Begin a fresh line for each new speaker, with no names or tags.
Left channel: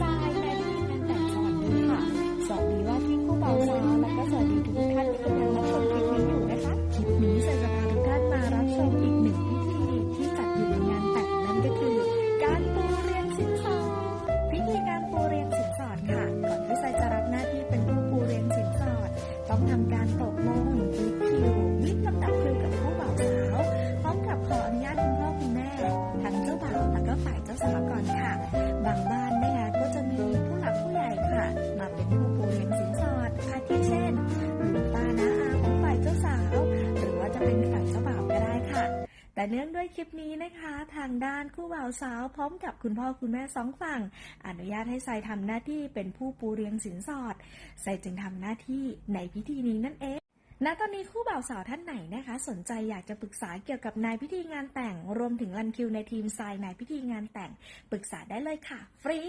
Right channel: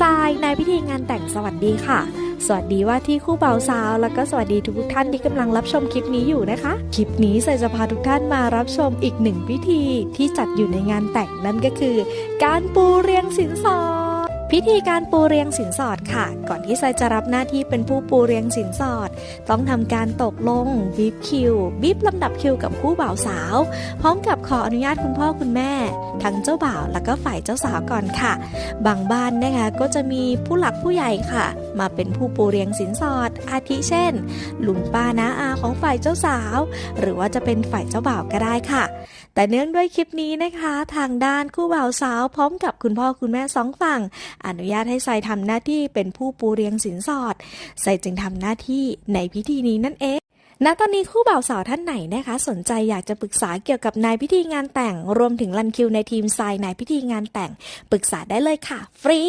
ทรายในพิธีงานแต่งสวัสดีค่ะ สวัสดีว่าที่คู่บ่าวสาว แล้วก็สวัสดีทุกท่านที่กำลังรับชมคลิปนี้อยู่นะคะ คลิปนี้ใส่จะพาทุกท่านมารับชมอีกหนึ่งพิธีที่จัดอยู่ในงานแต่งนั่นก็คือ การปูเรียงสินสอดพิธีการปูเรียงสินสอดค่ะ ก่อนที่ไซจะรับหน้าที่เป็นผู้ปูเรียงสินสอด ต้องทำการตกลงบีบคิวบีบลำดับคิวกับคู่บ่าวสาว พร้อมกับขออนุญาตคุณพ่อคุณแม่ งเจ้าบ่าวแล้วก็ฝ่ายเจ้าสาวก่อนค่ะ บางบ้านนะคะก็จะมีผู้หลักผู้ใหญ่ค่ะ มาเป็นผู้ปูเรียงสินสอด อาทิเช่นลุงป้าน้าอาของฝ่ายเจ้าสาว หรือว่าจะเป็นฝ่ายเจ้าบ่าวก็ได้ค่ะ แต่เนื่องด้วยคลิปนี้นะคะ ทางด้านคู่บ่าวสาวพร้อมกับคุณพ่อคุณแม่สองฝั่ง อนุญาตให้ไซทำหน้าที่เป็นผู้ปูเรียงสินสอดไซจึงทำหน้าที่ในพิธีนี้นั่นเอง ณตอนนี้คู่บ่าวสาวท่านไหนนะคะ สนใจอยากจะปรึกษาเกี่ยวกับนายพิธีงานแต่ง รวมถึงรันคิวในทีมทรายนายพิธีงานแต่ง ปรึกษาได้เลยค่ะ ฟรี